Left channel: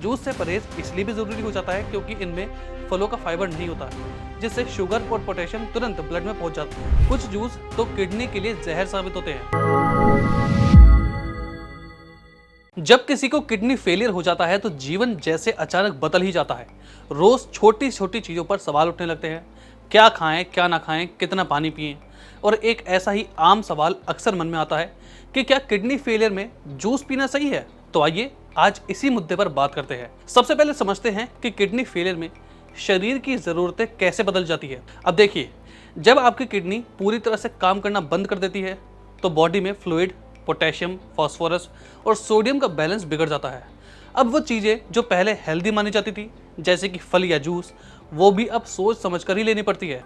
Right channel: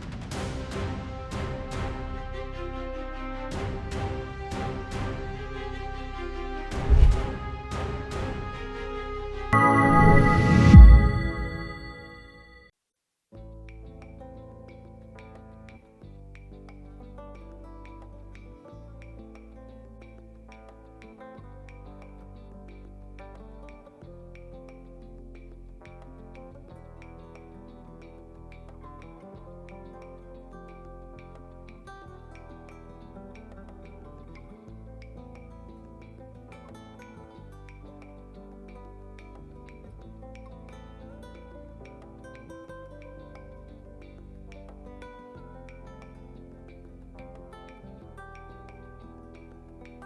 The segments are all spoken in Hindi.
जूस से परहेज इसलिए भी जरूरी हो जाता है क्योंकि इनमें फलों का फाइबर नहीं होता, जिससे शुगर और पोटेशियम तुरंत ब्लड में पहुंच जाता है। कुछ जूस तो किडनी के लिए जहर साबित होते हैं। जब किसी को किडनी फेलियर हो जाता है तो जीवन जैसे अचानक बदल ही जाता है। रोज छोटी छोटी चीजों पर सवाल उठने लगते हैं, क्या खाएं क्या ना खाएं, कितना पानी पिएं। और एक ऐसा ही आम सवाल अक्सर मन में आता है कि क्या किडनी फेलियर में जूस पीना सही है। तो आइए आज इसी मुद्दे पर बात करते हैं। सबसे पहले समझते हैं कि किडनी फेलियर में शरीर की जरूरतें कैसे बदल जाती है। अब देखिए, जब आपकी किडनी पूरी तरह से काम करना बंद कर देती है तो बॉडी में फ्लूइड, पोटेशियम, फास्फोरस और सोडियम का बैलेंस बिगड़ जाता है। अब वो चीजें जो पहले हेल्दी मानी जाती थी, जैसे कि फल या जूस, वो भी अब सोच समझकर ही लेनी पड़ती है।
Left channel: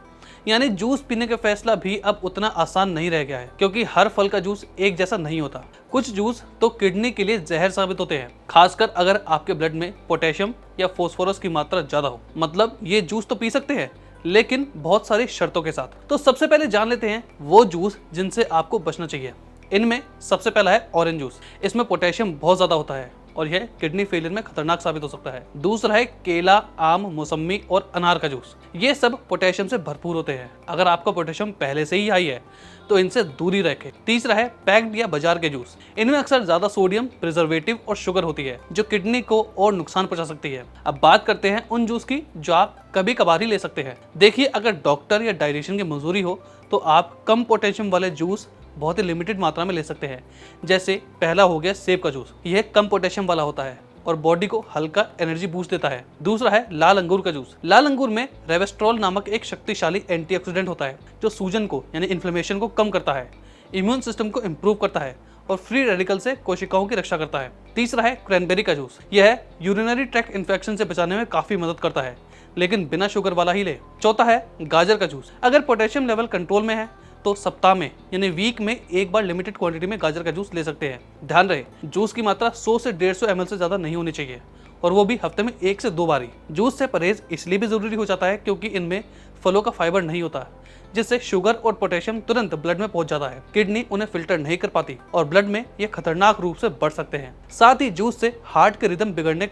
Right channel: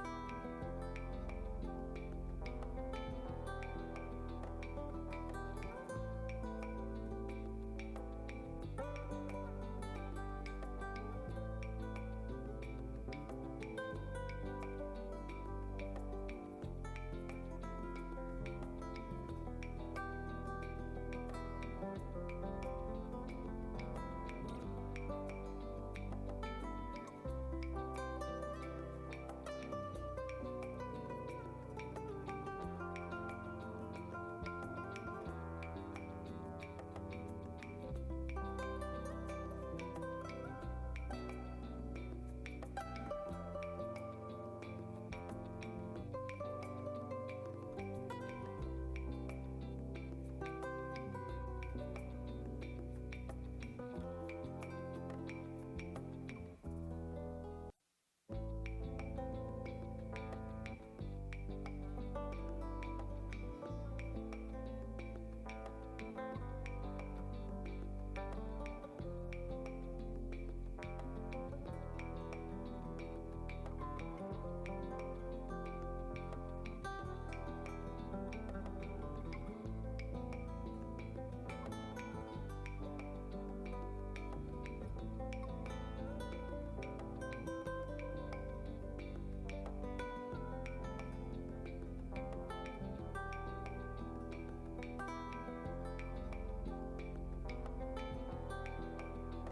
यानी जूस पीने का फैसला भी अब उतना आसान नहीं रह गया है, क्योंकि हर फल का जूस एक जैसा नहीं होता। कुछ जूस तो किडनी के लिए जहर साबित होते हैं, खासकर अगर आपके ब्लड में पोटेशियम या फास्फोरस की मात्रा ज्यादा हो। मतलब ये जूस तो पी सकते हैं, लेकिन बहुत सारी शर्तों के साथ। तो सबसे पहले जान लेते हैं वो जूस जिनसे आपको बचना चाहिए। इनमें सबसे पहला है ऑरेंज जूस। इसमें पोटेशियम बहुत ज्यादा होता है और यह किडनी फेलियर में खतरनाक साबित हो सकता है। दूसरा है केला, आम, मौसमी और अनार का जूस। ये सब पोटेशियम से भरपूर होते हैं। अगर आपका पोटेशियम पहले से ही हाई है तो इनसे दूरी रखें। तीसरा है पैक्ड या बाजार के जूस। इनमें अक्सर ज्यादा सोडियम, प्रिजर्वेटिव और शुगर होती है, जो किडनी को और नुकसान पहुंचा सकती है। अब बात करते हैं उन जूस की जो आप कभी कभार ही ले सकते हैं। देखिए, अगर डॉक्टर या डाइटिशियन की मंजूरी हो तो आप कम पोटेशियम वाले जूस बहुत ही लिमिटेड मात्रा में ले सकते हैं। जैसे पहला हो गया सेब का जूस। यह कम पोटेशियम वाला होता है और बॉडी को हल्का एनर्जी बूस्ट देता है। दूसरा है लाल अंगूर का जूस। लाल अंगूर में रेवेस्ट्रोल नामक एक शक्तिशाली एंटीऑक्सीडेंट होता है, जो सूजन को यानी इन्फ्लेमेशन को कम करता है, इम्यून सिस्टम को इम्प्रूव करता है और फ्री रेडिकल से कोशिकाओं की रक्षा करता है। तीसरा है क्रैनबेरी का जूस। यह यूरिनरी ट्रैक्ट इन्फेक्शन से बचाने में काफी मदद करता है, लेकिन बिना शुगर वाला ही ले। चौथा है गाजर का जूस। अगर पोटेशियम लेवल कंट्रोल में है तो सप्ताह में यानी वीक में एक बार लिमिटेड क्वांटिटी में गाजर का जूस ले सकते हैं। ध्यान रहे, जूस की मात्रा 100 से 150 ml से ज्यादा नहीं होनी चाहिए, और वो भी हफ्ते में 1 से 2 बार ही। जूस से परहेज इसलिए भी जरूरी हो जाता है क्योंकि इनमें फलों का फाइबर नहीं होता, जिससे शुगर और पोटेशियम तुरंत ब्लड में पहुंच जाता है। किडनी उन्हें फिल्टर नहीं कर पाती और ब्लड में ये खतरनाक रूप से बढ़ सकते हैं। साथ ही जूस से हार्ट के रिदम बिगड़ने,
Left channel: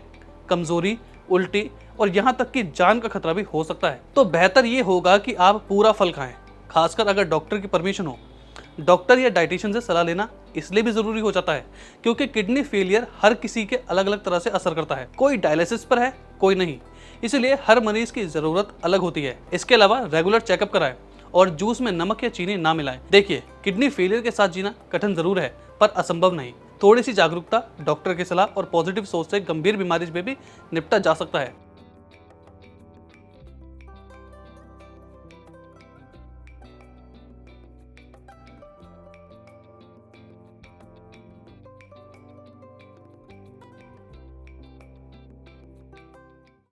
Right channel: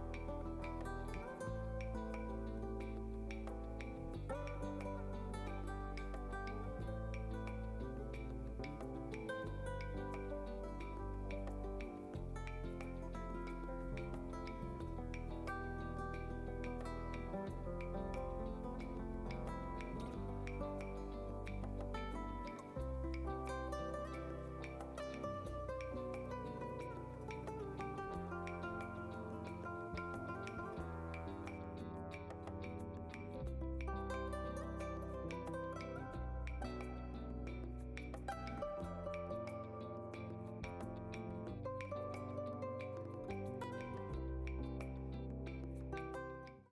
कमजोरी, उल्टी और यहाँ तक कि जान का खतरा भी हो सकता है। तो बेहतर ये होगा कि आप पूरा फल खाएं, खासकर अगर डॉक्टर की परमिशन हो। डॉक्टर या डाइटिशियन से सलाह लेना इसलिए भी जरूरी हो जाता है क्योंकि किडनी फेलियर हर किसी के अलग अलग तरह से असर करता है। कोई डायलिसिस पर है, कोई नहीं, इसलिए हर मरीज की जरूरत अलग होती है। इसके अलावा रेगुलर चेकअप कराएं और जूस में नमक या चीनी ना मिलाएं। देखिए, किडनी फेलियर के साथ जीना कठिन जरूर है, पर असंभव नहीं। थोड़ी सी जागरूकता, डॉक्टर की सलाह और पॉजिटिव सोच से गंभीर बीमारी में भी निपटा जा सकता है।